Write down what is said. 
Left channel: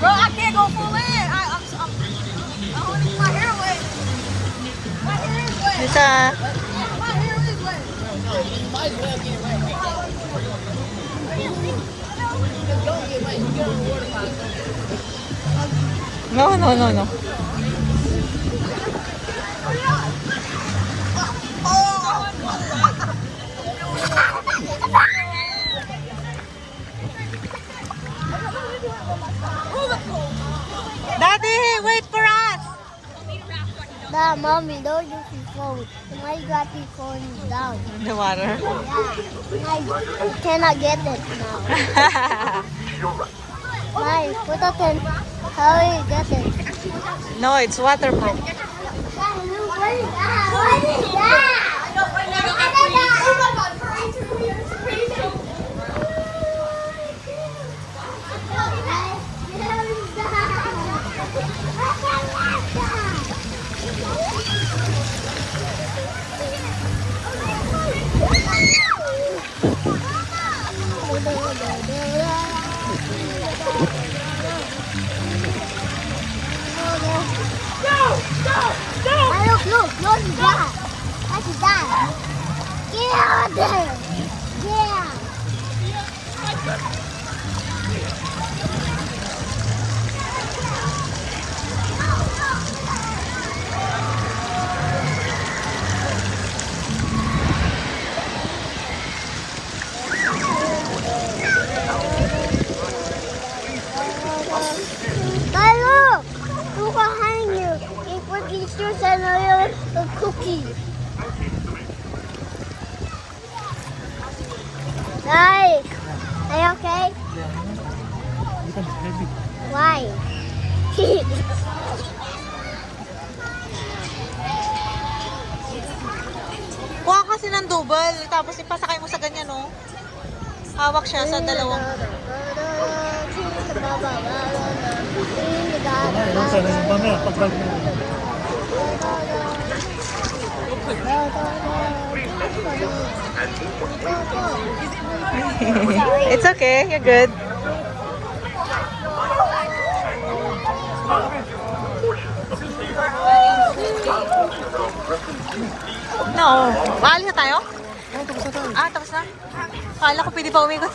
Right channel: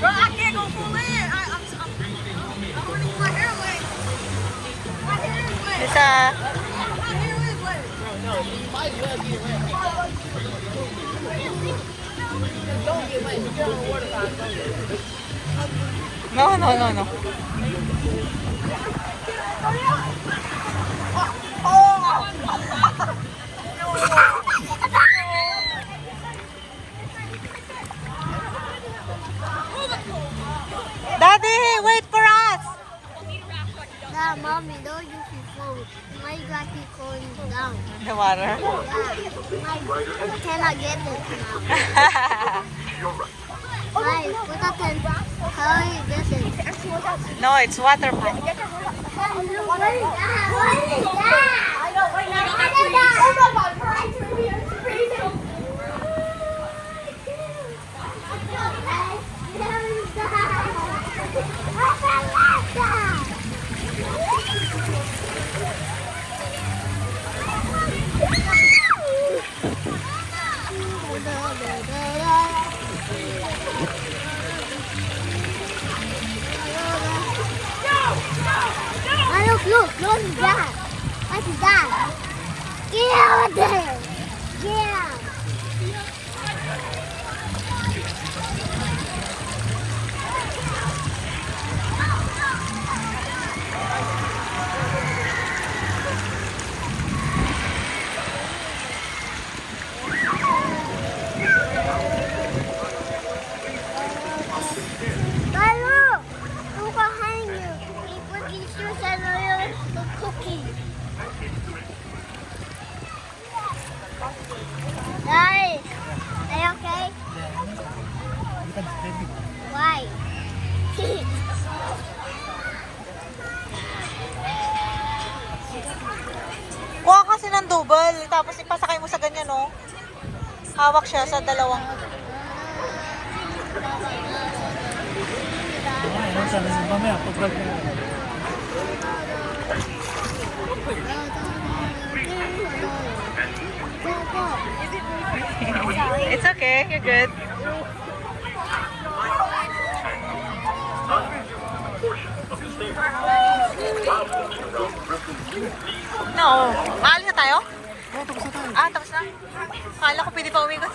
Bro, I can't go full in. I'm holding my hair away. My hair is wet. Isa. My hair is wet. No, no, no, no. Daddy, wait for us. No, mommy, don't use your phone. My graphic phone is down. The water. I cannot get it now. Why? Put that in. How do you get it? No, it's waterproof. What is that? What is that? Look, what is that? What is that? Kill them! Yeah! Hey, look! Who's behind you? He put these shoes and a cookie. Nice. Are you okay? Why? Kuha kasi ng double, tapos ipasakay mo sa ganyan, no? Hawak siya sa dalawang... It's okay, you're good. No, maalis na tayo? Ah, tapos na? Kala ko pwede pa umikot.